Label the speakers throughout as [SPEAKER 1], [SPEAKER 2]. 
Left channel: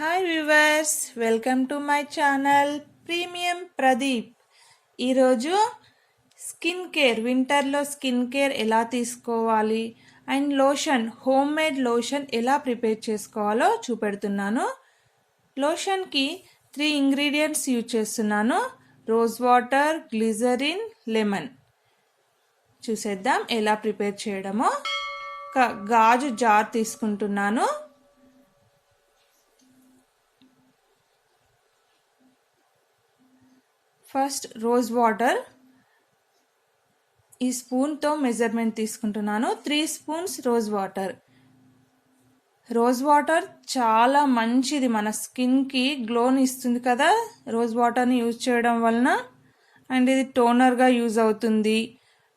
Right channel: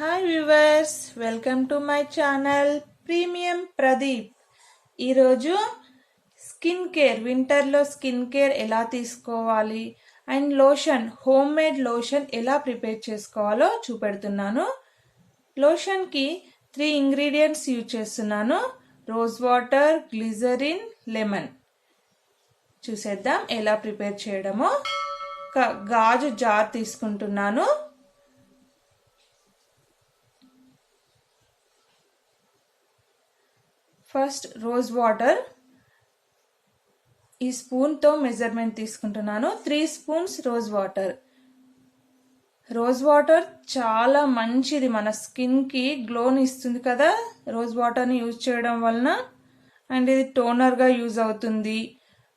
[SPEAKER 1] Hi viewers welcome to my channel premium Pradeep ఈరోజు skin care వింటర్లో skin care ఎలా తీసుకోవాలి and lotion home made lotion ఎలా prepare చేసుకోవాలో చూపెడుతున్నాను. లోషన్కి త్రీ ఇంగ్రీడియంట్స్ యూజ్ చేస్తున్నాను. రోజ్ వాటర్ గ్లిజరిన్ లెమన్ చూసేద్దాం ఎలా ప్రిపేర్ చేయడమో. ఒక గాజు జార్ తీసుకుంటున్నాను. ఫస్ట్ రోజ్ వాటర్ ఈ స్పూన్తో మెజర్మెంట్ తీసుకుంటున్నాను. Three spoons rose water. Rose water చాలా మంచిది మన స్కిన్కి గ్లోని ఇస్తుంది కదా. రోజ్ వాటర్ని యూజ్ చేయడం వలన అండ్ ఇది టోనర్గా యూజ్ అవుతుంది.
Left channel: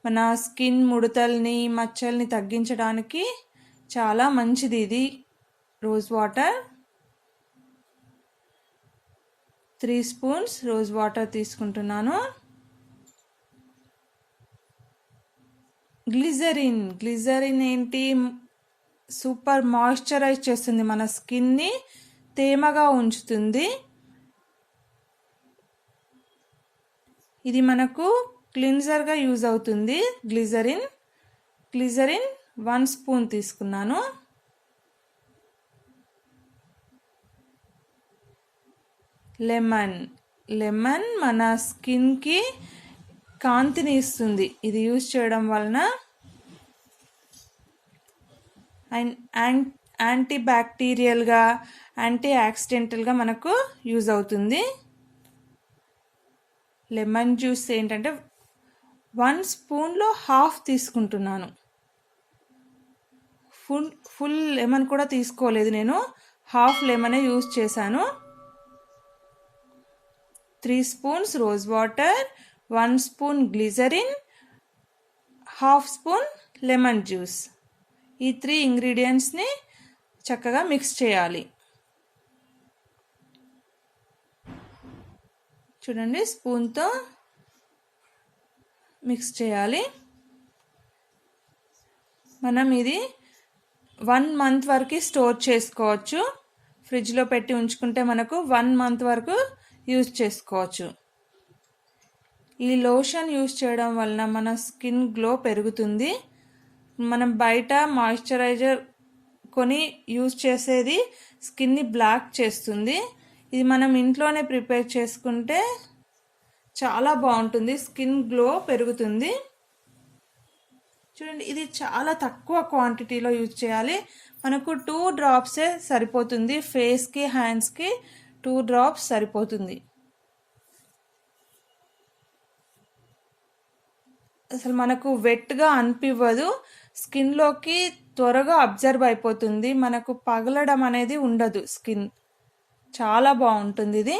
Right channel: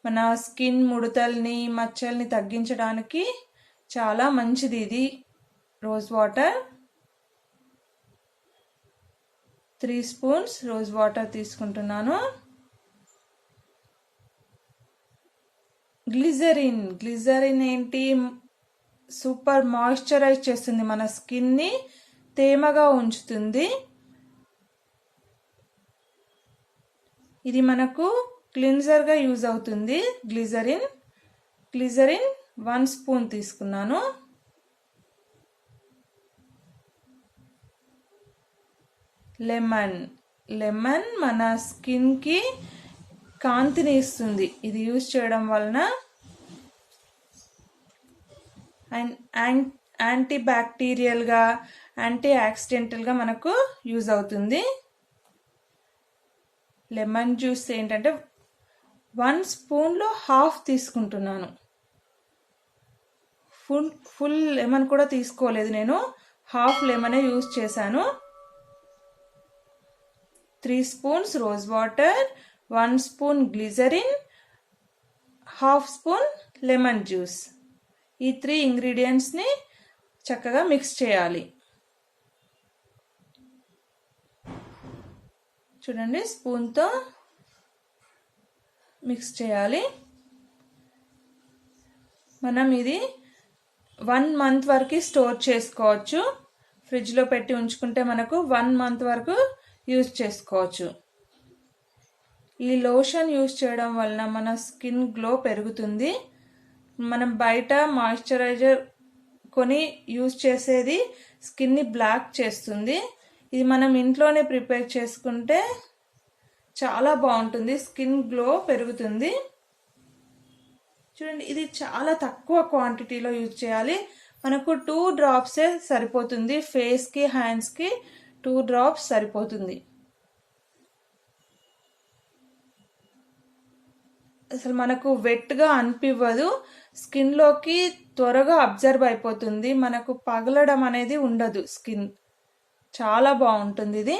[SPEAKER 1] మన స్కిన్ ముడతల్ని మచ్చల్ని తగ్గించడానికి చాలా మంచిది ఇది rose water. Three spoons rose water తీసుకుంటున్నాను. గ్లిజరిన్. గ్లిజరిన్ ఏంటి? సూపర్ మాయిశ్చరైజ్ చేస్తుంది మన స్కిన్ని తేమగా ఉంచుతుంది. ఇది మనకు క్లిన్జర్గా యూజ్ అవుతుంది గ్లిజరిన్. గ్లిజరిన్ వన్ స్పూన్ తీసుకున్నాను. లెమన్. లెమన్ మన స్కిన్కి కాంతిని ఇస్తుంది. ఇది యూజ్ చేయడం వలన అండ్ యాంటీ బ్యాక్టీరియల్గా యాంటీ యాక్సిడెంటల్గా మనకు యూజ్ అవుతుంది. లెమన్ జ్యూస్ ఏంటంటే వన్ స్పూన్లో హాఫ్ తీసుకుంటున్నాను. ఫుల్ ఫుల్ లెమన్ కూడా తీసుకోలేదు నేను. హాఫ్ లెమనే యూజ్ చేశాను. Three spoons rose water one spoon glycerin half spoon lemon juice. ఈ త్రీ ఇంగ్రీడియంట్స్ని చక్కగా మిక్స్ చేయాలి. చూడండి స్పూన్తో మిక్స్ చేయాలి. మనం ఇది వన్ మంత్ వరకు స్టోర్ చేసుకోవచ్చు. ఫ్రిడ్జ్లో పెట్టి ఉంచుకుంటే మనకు వన్ మంత్ వరకు యూజ్ చేసుకోవచ్చు. ఈ లోషన్ యూజ్ చేయడం వలన మన స్కిన్ గ్లో పెరుగుతుంది. మనం బయట మాయిశ్చరైజర్ కొని యూజ్ చేసేది స్కిన్ని బ్లాక్ చేస్తుంది. ఇది మనం ఇంట్లోనే ప్రిపేర్ చేసుకుంటే చాలా బాగుంటుంది. స్కిన్ గ్లో పెరుగుతుంది. చూడండి ఇది చాలా తక్కువ క్వాంటిటీలో యూజ్ చేయాలి. మనకు టూ డ్రాప్సే సరిపోతుంది ఫేస్కి హ్యాండ్స్కి. టూ డ్రాప్స్ సరిపోతుంది. అసలు మనకు వెట్గా అనిపివ్వదు. స్కిన్లోకి త్వరగా అబ్జర్వ్ అయిపోతుంది. మనకు పగలడం అనేది ఉండదు స్కిన్. చాలా బాగుంటుంది ఇది.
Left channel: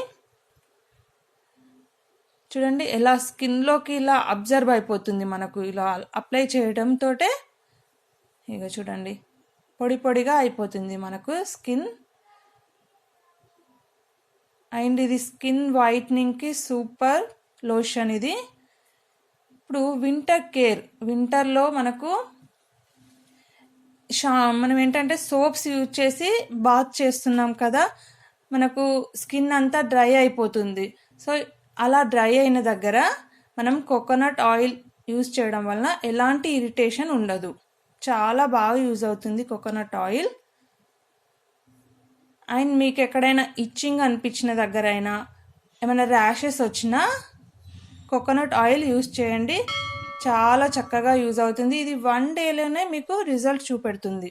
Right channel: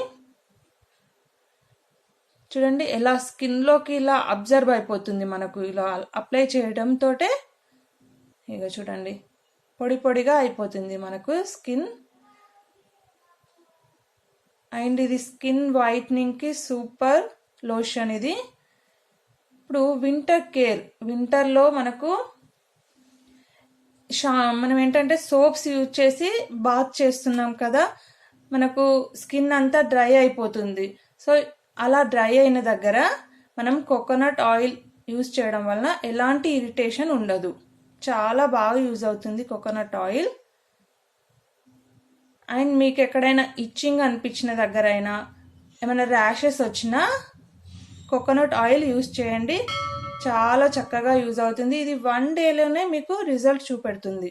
[SPEAKER 1] చూడండి ఎలా స్కిన్లోకి ఇలా అబ్జర్వ్ అయిపోతుంది మనకు. ఇలా అప్లై చేయడంతో ఇక చూడండి పొడి పొడిగా అయిపోతుంది మనకు స్కిన్. అండ్ ఇది స్కిన్ వైట్నింగ్కి సూపర్ లోషన్ ఇది. ఇప్పుడు వింటర్ కేర్ వింటర్లో మనకు షా మనం ఏంటంటే సోప్స్ యూజ్ చేసి బాత్ చేస్తున్నాం కదా మనకు స్కిన్ అంతా డ్రై అయిపోతుంది. సో అలా డ్రై అయిన దగ్గర మనం కోకోనట్ ఆయిల్ యూజ్ చేయడం వలన ఎలాంటి ఇరిటేషన్ ఉండదు. చాలా బాగా యూజ్ అవుతుంది కోకోనట్ ఆయిల్. అండ్ మీకు ఎక్కడైనా ఇచ్చింగ్ అనిపించిన దగ్గర అయినా ఏమైనా ర్యాషెస్ వచ్చినా కోకోనట్ ఆయిల్ యూజ్ చేయండి. చాలా చక్కగా యూజ్ అవుతుంది. ఇది వన్ డేలోనే మీకు రిజల్ట్ చూపెడుతుంది.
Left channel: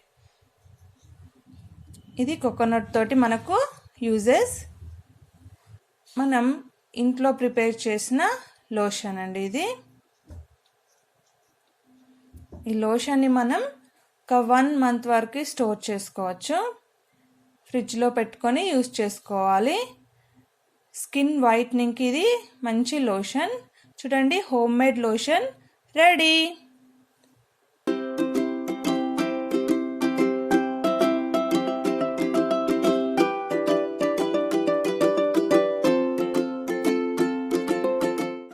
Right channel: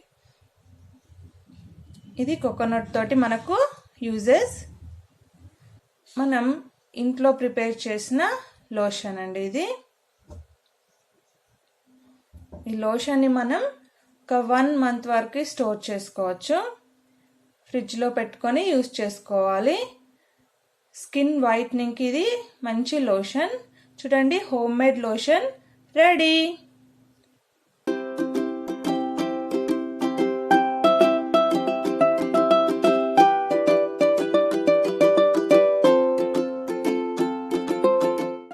[SPEAKER 1] ఇది కోకోనట్ తోటి మనకు యూజెస్ మనం ఇంట్లో ప్రిపేర్ చేసిన లోషన్ అండి ఇది. ఈ లోషన్ని మనం ఒక వన్ మంత్ వరకు స్టోర్ చేసుకోవచ్చు. ఫ్రిడ్జ్లో పెట్టుకొని యూస్ చేసుకోవాలి. స్కిన్ వైట్నింగ్కి ఇది మంచి లోషన్. చూడండి హోమ్ మేడ్ లోషన్ రెడీ.